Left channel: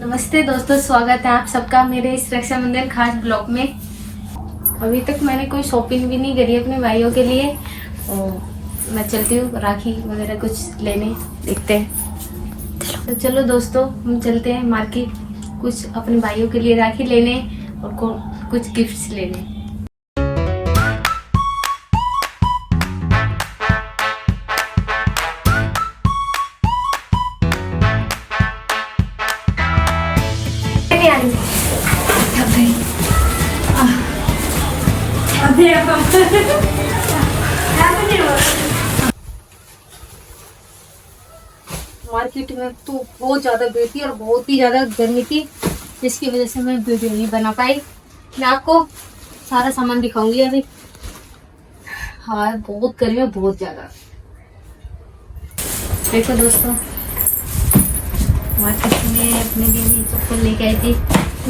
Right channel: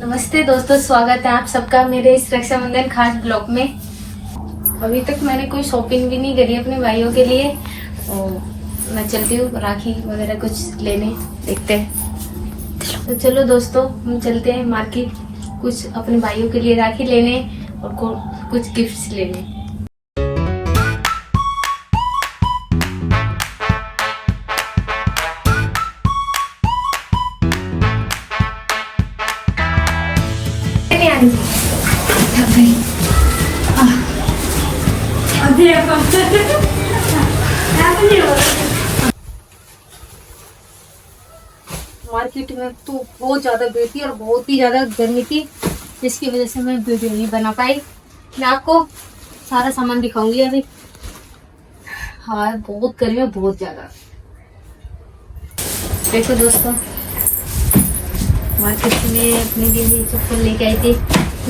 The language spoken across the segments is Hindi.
नमस्ते दोस्तों, स्वागत है आप सबका मेरे इस रक्षाबंधन खास ब्लॉग में। अभी तक मैंने कोई शॉपिंग भी नहीं करी अपने भाइयों के लिए और मैं चलती हूँ राखी वगैरह कुछ लेने, देखते हैं। तो चलो दोस्तों, हम चलते हैं मार्केट, कुछ अपने भाइयों के लिए राखी लेने और कुछ गिफ्ट्स लेने। मार्केट में तो बहुत ज्यादा भीड़ थी और बहुत ही ज्यादा गर्मी थी, जिसकी वजह से मैं वीडियो नहीं बना पाई। मैं आपको सारा सामान दिखाऊंगी अभी। हाँ, बहुत गर्मी है, बहुत ज्यादा। देखो दोस्तों, मार्केट में अपने लिए चप्पल लेके आई थी,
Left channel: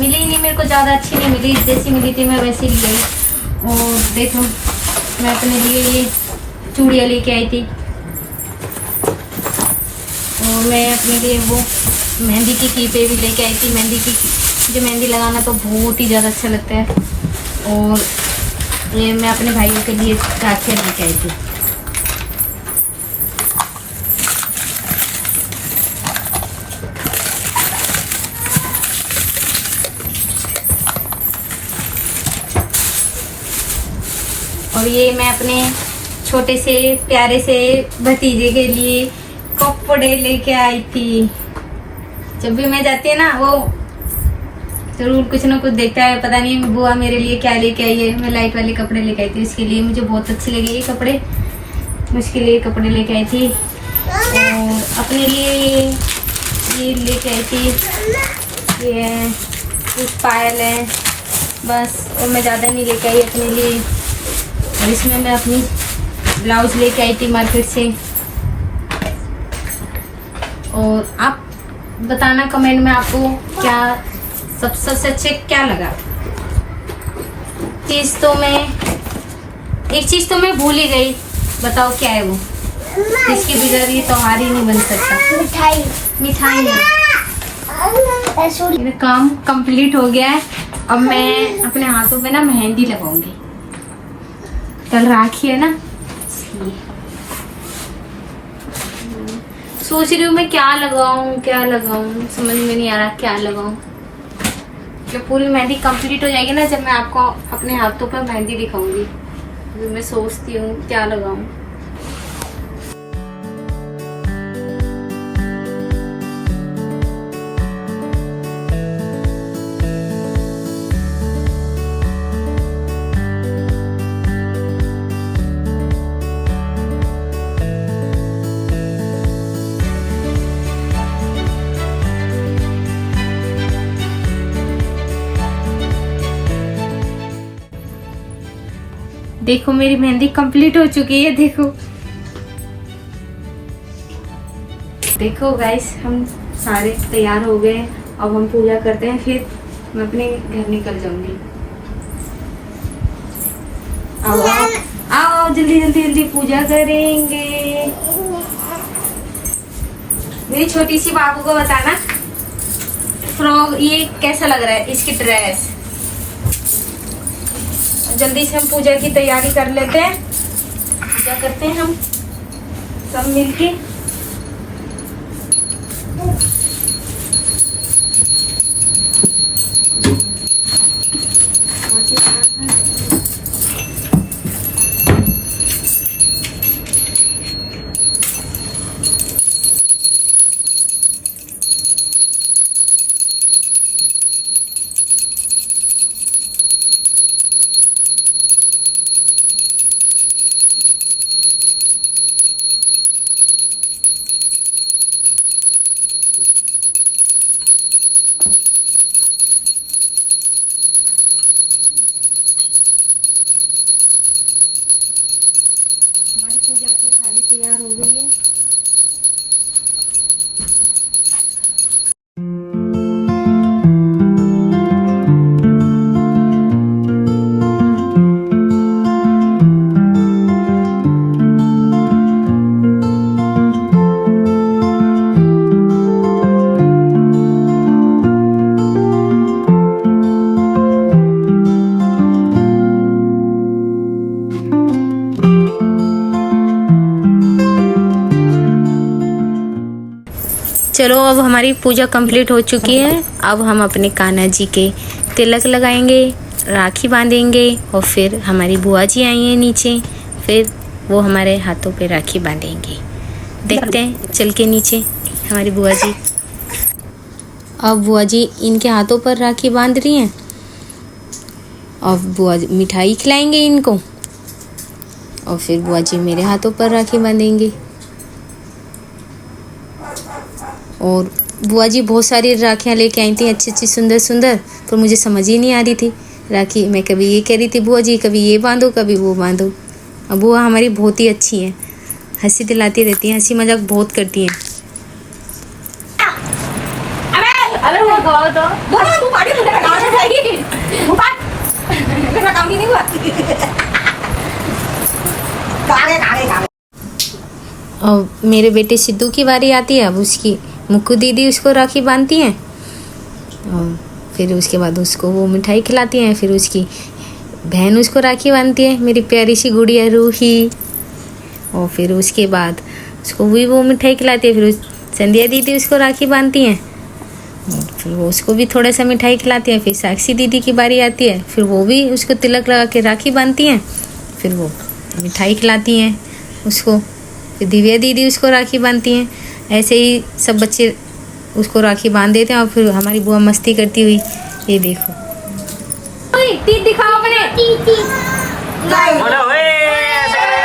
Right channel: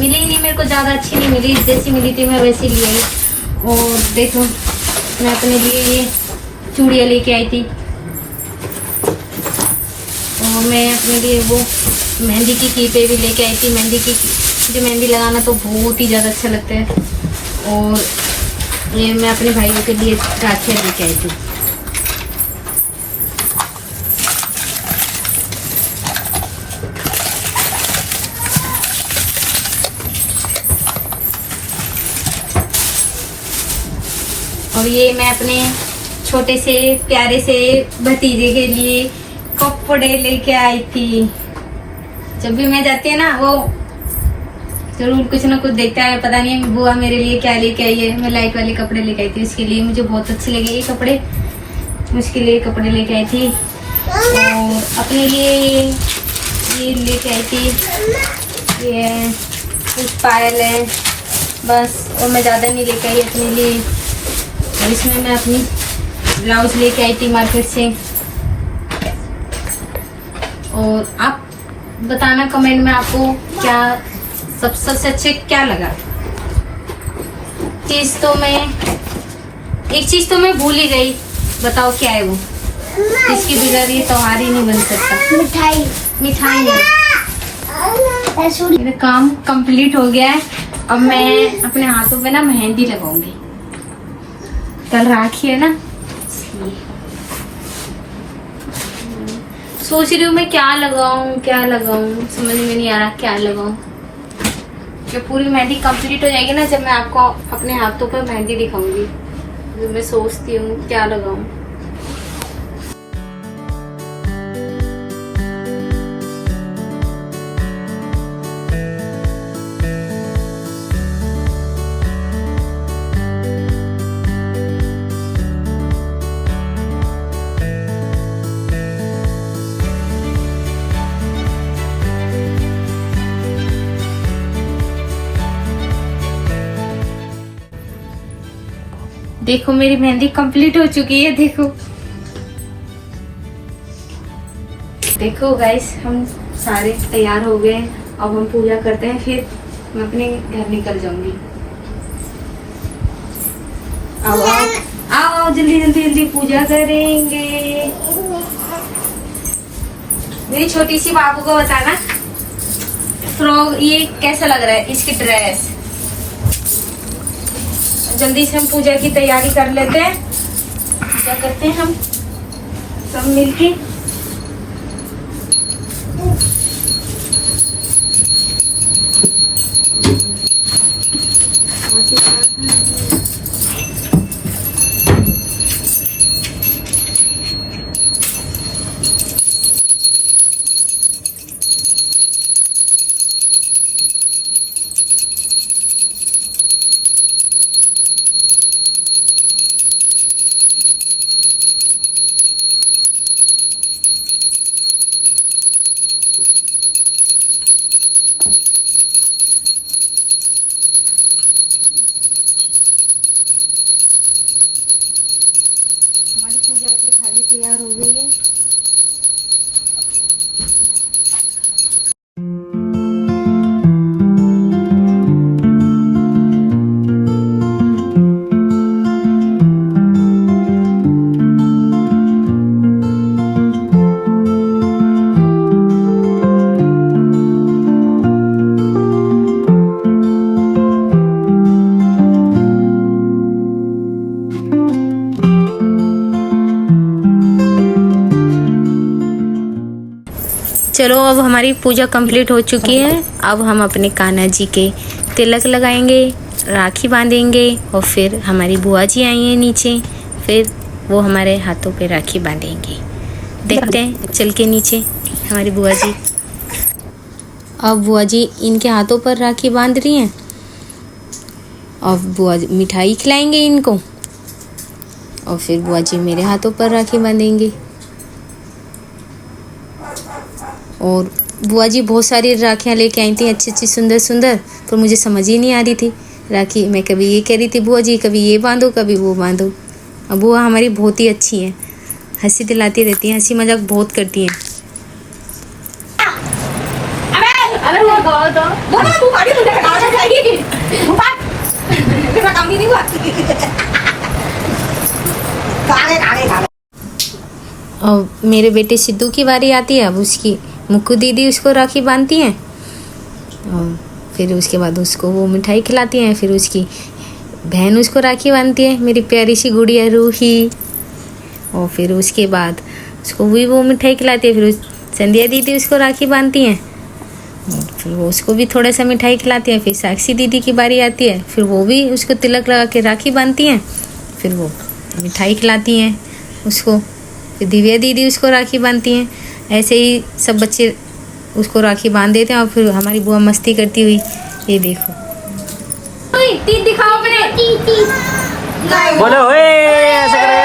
मिली नहीं, मेरे को ज्यादा अच्छी नहीं मिली, जैसी मिली थी मैं वैसी ले आई। और देखो, मैं अपने लिए चूड़ियाँ लेके आई थी और मैं अपने लिए वो मेहंदी की कीपे भी लेके आई थी। मुझे मेहंदी लगाना तो बहुत ही ज़्यादा अच्छा लगता है और ये मैं अपने भाइयों के लिए राखियाँ लेके आई थी। और ये मैं अपने छोटे से प्यारे से भतीजे के लिए कपड़े लेके आई थी। जब भी मैं जाती है ना, वो जरूर कुछ ना कुछ देखता है, पता नहीं बुआ मेरे लिए क्या लेके आई है। मैं लाइट वाले कपड़े लेके आई थी इसके लिए, मुझे बहुत अच्छे लगे ये कपड़े, उसके लिए कपड़े लेके आई थी। और अपने लिए ये लेके आई थी, ये कुछ पायल है बस, और मैं ज़्यादा नहीं लेके आई अपने लिए। और इसमें मैं अपनी ब्लाउज लेके आई थी मार्केट से। और आप बताना कमेंट में आपको क्या सबसे अच्छे क्या लगा। एक चीज तो मैं भूल ही गई, बताओ क्या है वो। इसके बिना ये त्योहार ही नहीं बन सकता। मिठाई। मेरा काम कंप्लीट हो गया है। अब मैं अपने हाथों पे ना मेहंदी लगाऊंगी, कल राखी है ना। सोच रही हूँ मैं क्या लगाऊं, समझ में नहीं आ रहा क्या लगाऊं। जब पूरी मेहंदी कंप्लीट हो जाएगी ना, जब मैं आपको अपने हाथों पर मेहंदी दिखाऊंगी, तो मैं सोचती हूँ क्या लगाऊं। देखो मेरी मेहंदी कंप्लीट हो चुकी है। देखो गाइस, हम सारे तैयार हो गए। अब हम पूजा करते हैं, फिर मैं अपने घर निकल जाऊंगी। आओ जल्दी पूजा करेंगे। मेरी छोटी सी बाबू को बताना फ्रॉक ये कैसा लग रहा है, इसकी ड्रेस। जल्दी से हम पूजा की तैयारी कर लेते हैं। पूजा करते हैं हम सब मिलके। हमारी पूजा की थाली तैयार हो गई है। चलो अब हमारी पूजा कंप्लीट हो चुकी है। अब हम अपने कान्हा जी के तिलक लगाएंगे, राखी बांधेंगे और फिर हमारी बुआ जी आई हैं नीचे, फिर वो हमारे हाथों पे राखी बांधेंगे। देखते हैं चल के नीचे हमारी बुआ जी। अब बुआ जी इनके हाथों पर राखी बांध रही हैं। अब बुआ जी मिठाई खिलाएंगे इनको और फिर बुआ जी मेरे हाथों पर राखी बांधेंगे। और बुआ जी बहुत सारी राखियाँ लेके आई थी, अच्छी अच्छी सुंदर सुंदर, पर मुझे समझ ही नहीं आ रही थी राखी। मैं कभी ये कह रही थी बुआ जी कभी ये बांधो कभी वो बांधो। अब बुआ हमारी बहुत ही अच्छी है, हंसी दिलाती रहती हैं, हंसी मजाक बहुत करती हैं। अब मेरे बेटे सिद्धू की बारी आती है। अब उसकी मुक्कू दीदी उसको राखी बांधती हैं और फिर उसके बाद उसको वो मिठाई खिलाती हैं। फिर उसकी बहन उसको राखी बांधती है, मेरी प्यारी सी गुड़िया रूही। और फिर उसके बाद उसको भी वो मिठाई खिलाती है। फिर संध्या दीदी उसको राखी बांधती हैं और फिर वो उसको भी थोड़ा सा मिठाई खिलाती हैं। फिर साक्षी दीदी की बारी आती है, फिर वो भी उसको तिलक लगा के राखी बांधती हैं, फिर वो मिठाई खिलाती हैं उसको। फिर दिव्या दीदी उसको राखी बांधती हैं। ऐसे ही सब बच्चे उसको राखी बांध देते हैं और फिर हमारी बुआ मस्ती करती हुई, ये देखो बोलो ओए ऐसे करो।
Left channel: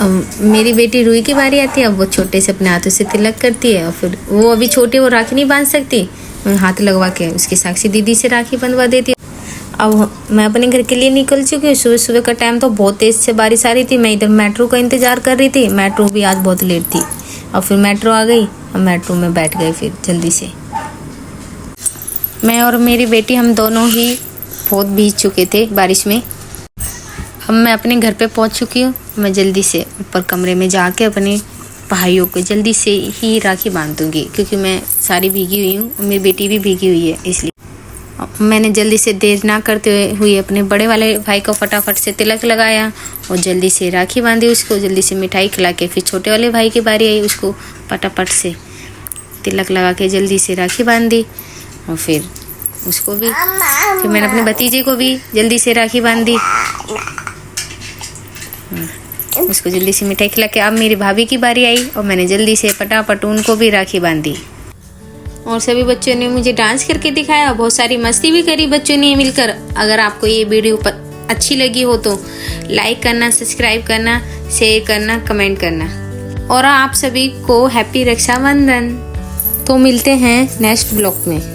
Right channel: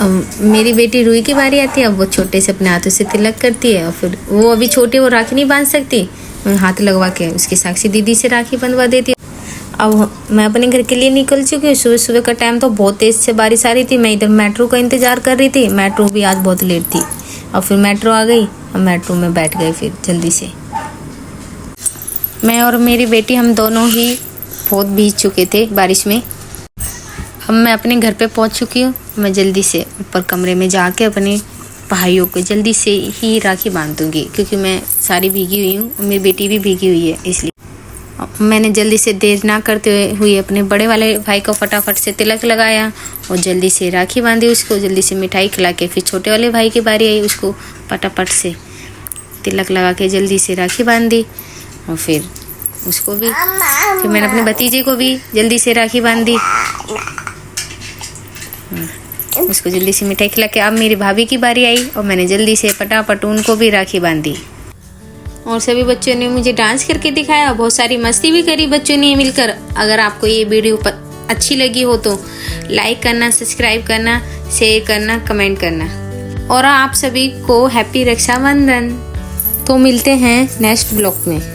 अब मेरी बेटी रूही की बारी आती है। अब वो छोटे से अपने हाथों से तिलक करती है और फिर वो अभी छोटे, वो राखी नहीं बांध सकती, मैं हाथ लगवा के उसकी साक्षी दीदी से राखी बंधवा देती हूँ। अब मैं अपने घर के लिए निकल चुकी हूँ। सुबह सुबह का टाइम तो बहुत तेज़ से बारिश आ रही थी। मैं इधर मेट्रो का इंतज़ार कर रही थी, मेट्रो भी आज बहुत लेट थी। और फिर मेट्रो आ गई, हम मेट्रो में बैठ गए फिर जल्दी से। मैं और मेरी बेटी हम दोनों ही बहुत भीग चुके थे बारिश में। अब मैं अपने घर पे पहुंच चुकी हूँ। मैं जल्दी से ऊपर कमरे में जाके अपने भाइयों को जल्दी से ही राखी बांध दूँगी, क्योंकि मैं सारी भीगी हुई हूँ और मेरी बेटी भी भीगी हुई है। इसलिए मैंने जल्दी से देर ना करते हुए अपने बड़े वाले भाई को फटाफट से तिलक लगाया और जल्दी से राखी बांधी उसको, जल्दी से मिठाई खिला के। फिर छोटे वाले भाई की बारी आई, उसको फटाफट से तिलक लगा के जल्दी से राखी बांधी और फिर उसको भी, फिर मैंने अपने भतीजे को भी जल्दी से राखी बांधी, उसको जल्दी से मिठाई खिला के। अब मेरी भाभी की बारी आई और मैंने जल्दी से फटाफट उनको भी राखी बांधी। और सभी बच्चों ने मुझे डांस करके दिखाया, बहुत सारी मस्ती भी करी बच्चों ने मिलकर। अगर आपको ये वीडियो अच्छी लगी हो तो लाइक करना, सब्सक्राइब करना, शेयर करना, कमेंट करना। और आप सभी को हैप्पी रक्षाबंधन। तो मिलते हैं नेक्स्ट ब्लॉग में।